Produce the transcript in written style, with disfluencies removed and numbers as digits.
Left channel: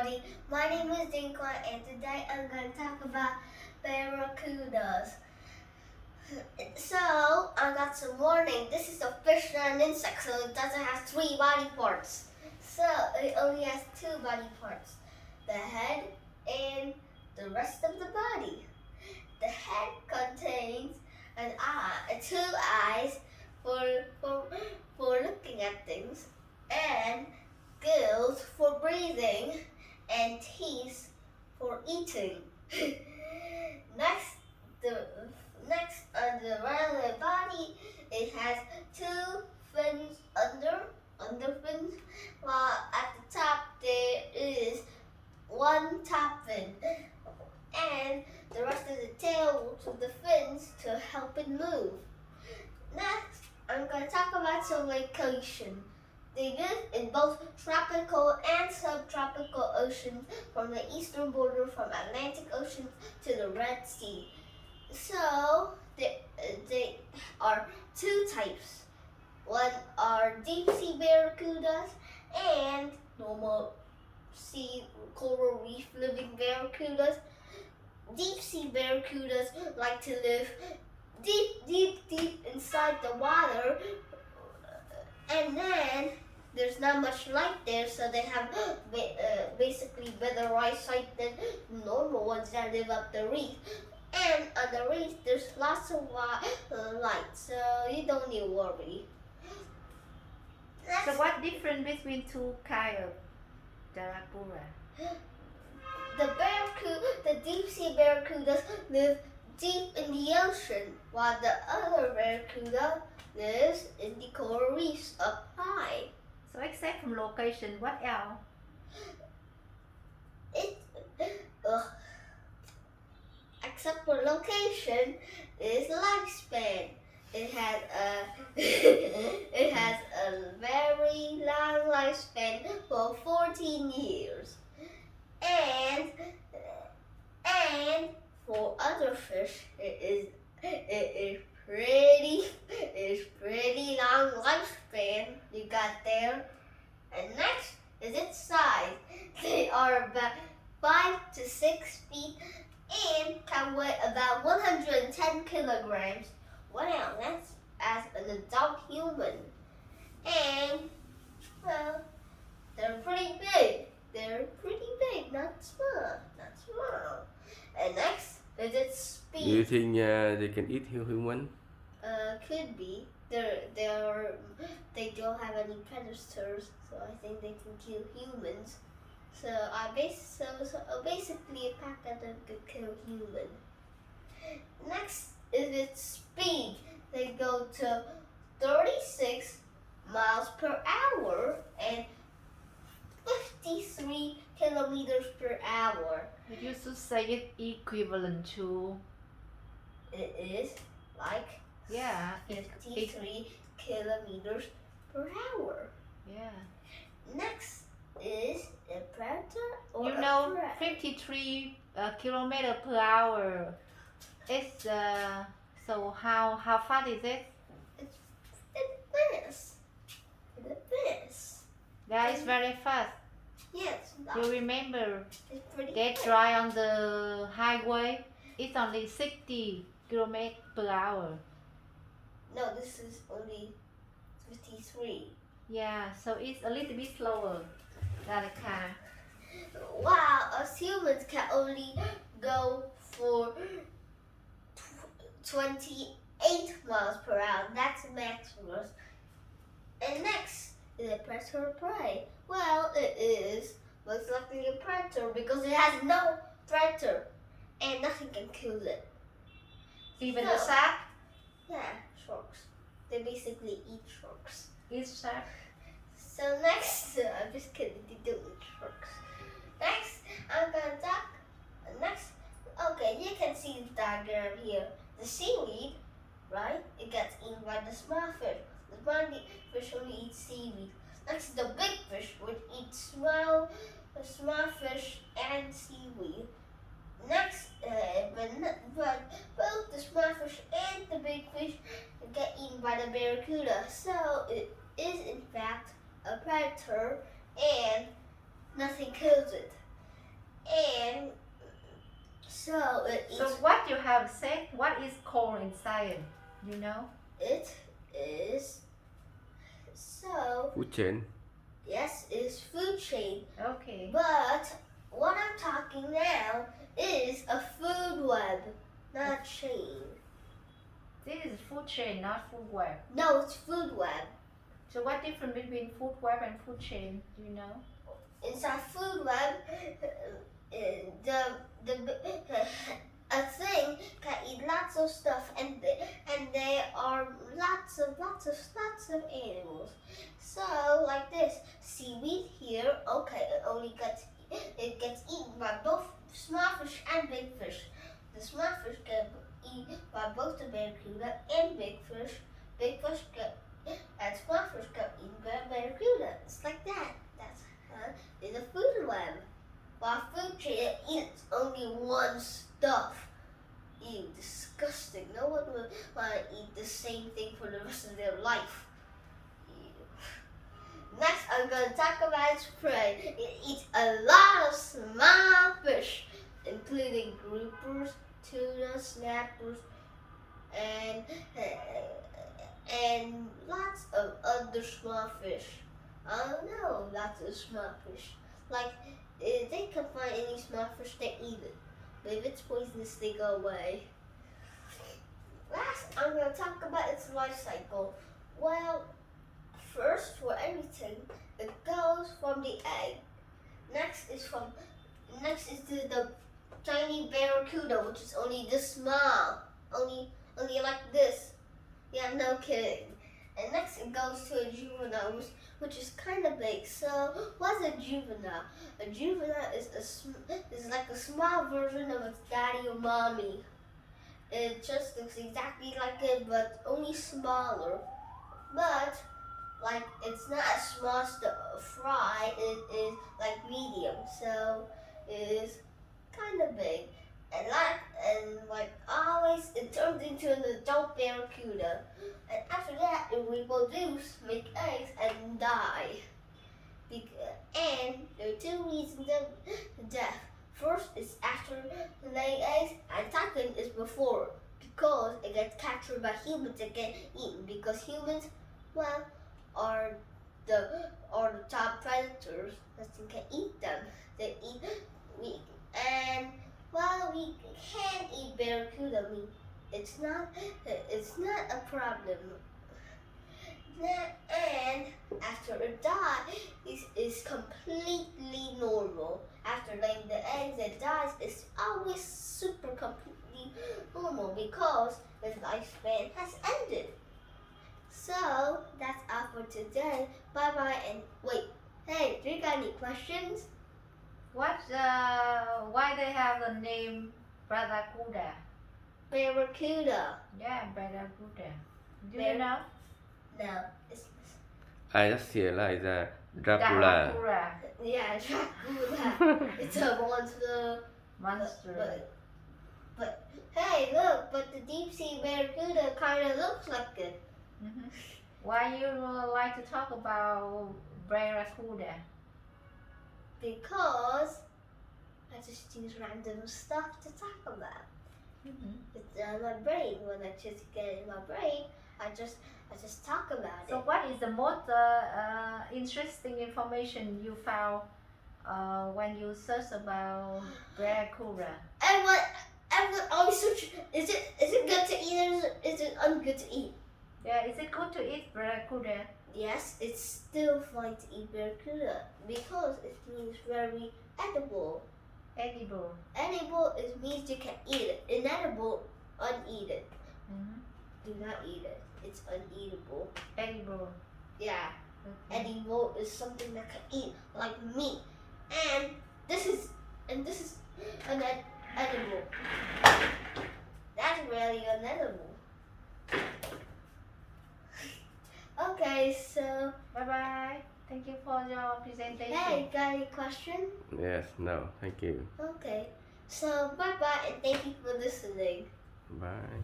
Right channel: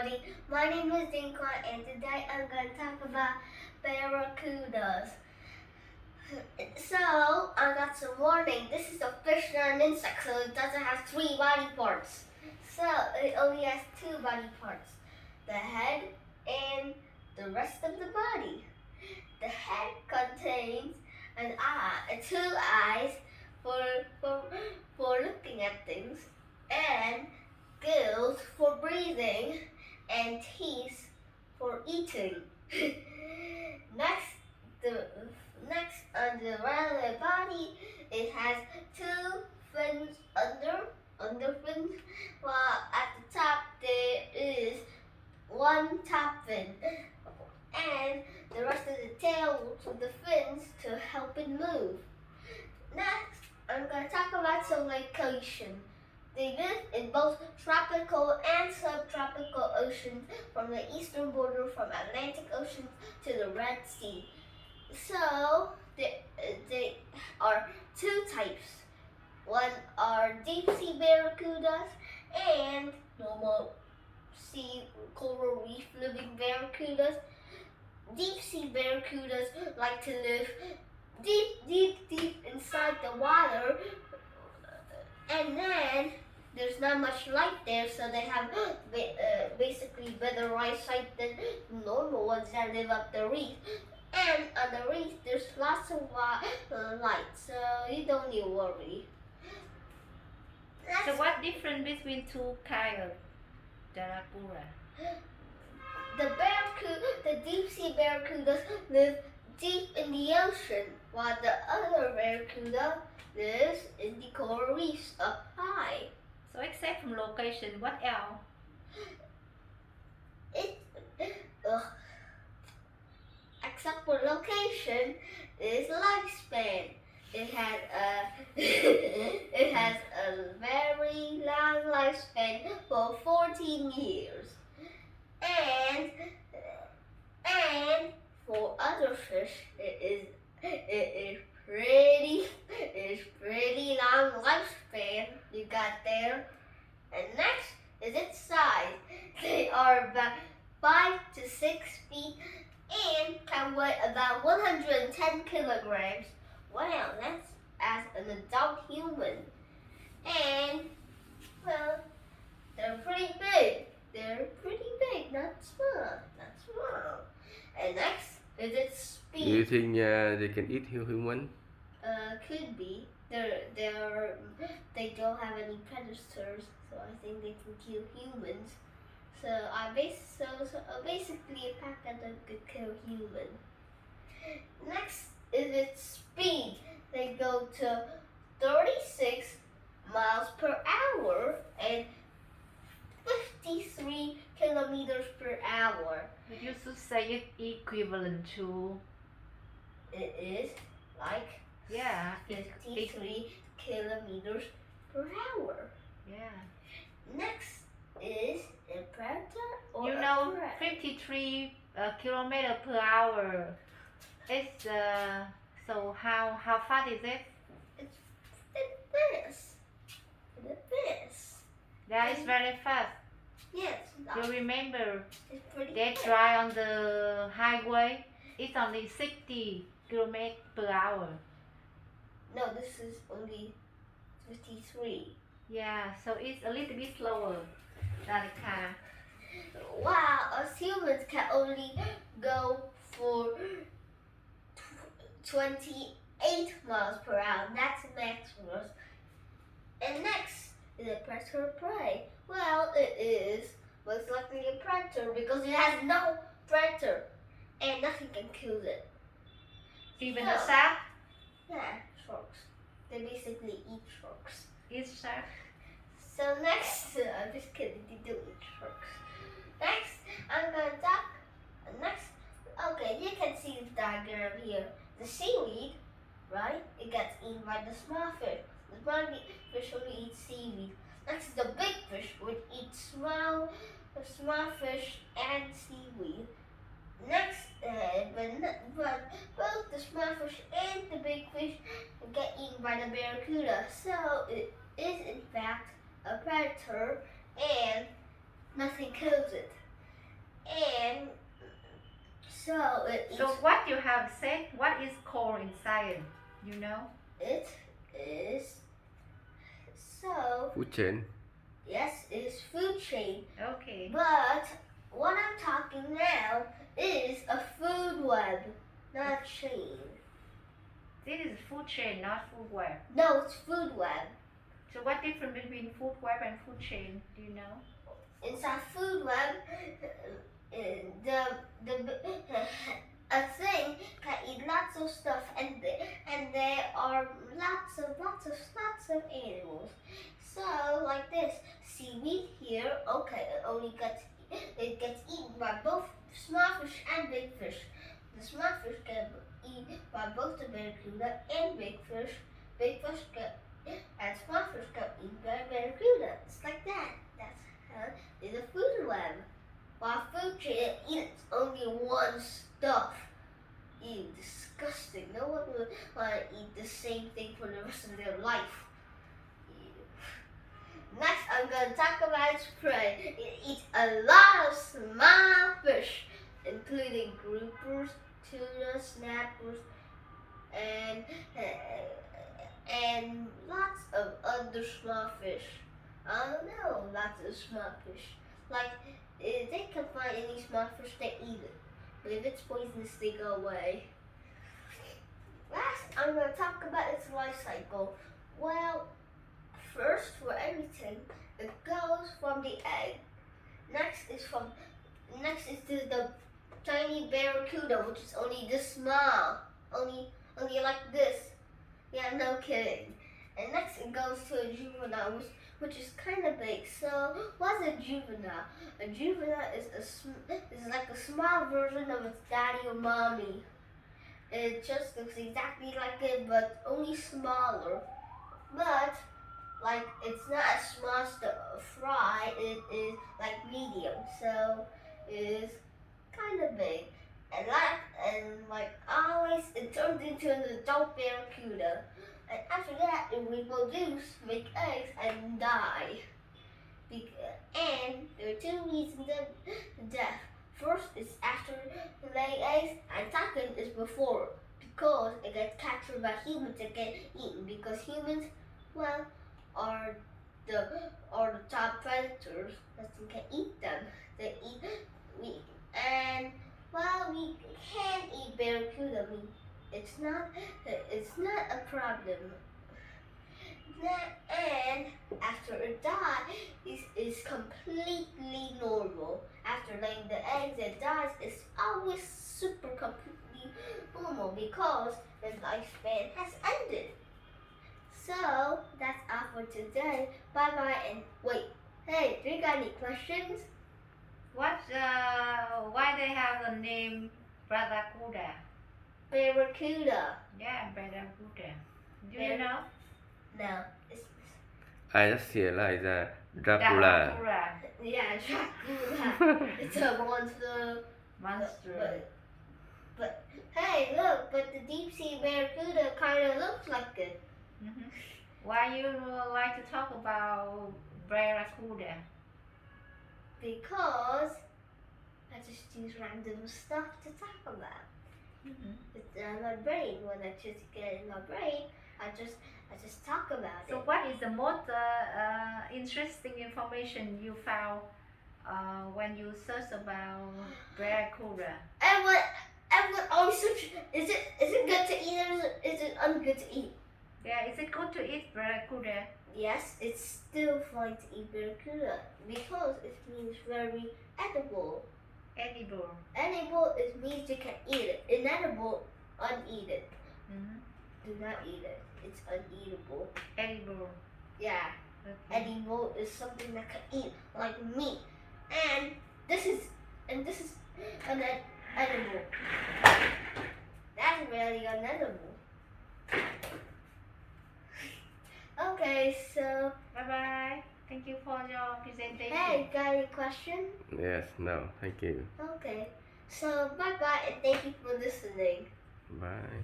everybody. My name is Dinka and today I'm going to talk about barracudas. So, I got some warning. This is a fish and an insect, so it doesn't have 3 body parts. So, it only has 2 body parts. The head and the rest of the body. The head contains an eye, 2 eyes for looking at things, and gills for breathing, and teeth for eating. Next on the rounded body, it has 2 fins under fins, while at the top there is 1 top fin, and the rest of the tail with the fins to help it move. Next, I'm going to talk about some location. They live in both tropical and subtropical oceans, from the eastern border from Atlantic Ocean to the Red Sea. So, they are 2 types. One are deep sea barracudas and normal sea coral reef living barracudas. Deep sea barracudas like to live deep inside the water, and then there's not much light there, so they have basically better eyesight than normal ones that live up the reef. And on the reef, there's lots of light, so you don't need to worry. So what difference between 2 kinds of barracuda? The deep sea barracudas live deep in the ocean, while the other barracuda lives in the coral reefs up high. So except from location, what else? Except for location, is lifespan. It has a very long lifespan for 14 years. And for other fish, it is pretty long lifespan you got there. And next is its size. They are about 5 to 6 feet and can weigh about 110 kilograms. Wow, that's as an adult human. And well, they're pretty big. Not small. And next is its speed. Do you think they can eat human? Could be. They don't have any predators, so I think they can kill humans. So basically a pack of them could kill human. Next is its speed. They go to 36 miles per hour and 53 kilometers per hour. You should say it equivalent to. It is like 53 kilometers per hour. Yeah. Next is a predator or You know, a prey. 53 kilometer per hour. It's so how fast is it? It's fast. That is very fast. Yes, You remember it's pretty get fast. dry on the highway. It's only 60 kilometers per hour. No, this is only 53. Yeah, so it's a little bit slower than a car. Wow, us humans can only go for 28 miles per hour. That's maximum. And next is a predator or prey. Well, it is most likely a predator because it has no predator and nothing can kill it. Even No. the shark Yeah, sharks. They basically eat sharks. is shark. So next, I'm just kidding, they don't eat sharks. Next, I'm gonna talk, okay, you can see the diagram here. The seaweed, right, it gets eaten by the small fish. The small fish only eats seaweed. Next, the big fish would eat small fish and seaweed. Next, but both the small fish and the big fish get eaten by the barracuda. So it is in fact a predator and nothing kills it. So it eats. So what you have said, what is called in science? You know? It is. So Food chain. yes, it's food chain. Okay. But what I'm talking now is a food web, not chain. This is food chain, not food web. No, it's food web. So what difference between food web and food chain? Do you know? Inside food web, a thing can eat lots of stuff, and there are lots of animals. So like this, seaweed here. Okay, it gets eaten by both small fish and big fish. The small fish get eaten by both the barracuda and big fish. Big fish get and small fish get eaten by barracuda. It's like that. That's how is a food web. While food chain eats only one stuff. Ew, disgusting. No one would want to eat the same thing for the rest of their life. Ew. Next, I'm going to talk about its prey. It eats a lot of small fish, including groupers, tuna, snappers, and lots of other small fish. I don't know, lots of small fish. Like, if they can find any small fish, they eat it. But if it's poisonous, they go away. Last, I'm going to talk about its life cycle. Well, first, for everything, it goes from the egg. Next is the tiny barracuda, which is only this small, only like this. Yeah, no kidding. And next, it goes to a juvenile, which is kind of big. So, what's a juvenile? A juvenile is like a small version of its daddy or mommy. It just looks exactly like it, but only smaller. But like it's not as small as the fry. It is like medium, so it is kind of big. And like always, it turns into an adult barracuda. And after that, it reproduces, make eggs, and die. And there are two reasons of death. First is after laying eggs, and second is before, because it gets captured by humans and get eaten. Because humans, well, are the top predators. Nothing can eat them. We can eat barracuda meat. It's not a problem. And after it dies, is completely normal. After laying the eggs, it dies. It's always super completely normal because its lifespan has ended. So that's all for today. Bye bye and wait. Hey, do you got any questions? Why they have a name Baracuda? Barracuda. Yeah, Baracuda. Do you know? No. It's I just realized that Dracula. yeah, Dracula. It's a monster. Monster. But hey, look! But the deep sea barracuda kind of looks like it. Mm-hmm. Why you like to talk about Baracuda? Because I just use random stuff to talk about. Mm-hmm. It's my brain. When I just get in my brain, I just talk about it. So what is the most interesting information you found when you search about Baracuda? Everyone always search. Is it good to eat or is it ungood to eat? Yeah, is it good to eat Baracuda? Yes, it's still fine to eat barracuda because it means very edible. Edible. Edible means you can eat it. Inedible, uneaten. Mm-hmm. Do not eat it. It's uneatable. Edible. Yeah. Okay. Edible is something that can eat, like meat. And this is unedible. That's really unedible. Okay, so Bye bye. Thank you for your presentation. hey, got any question? Yes, no, thank you. Okay, so bye bye and thank you for listening. Bye.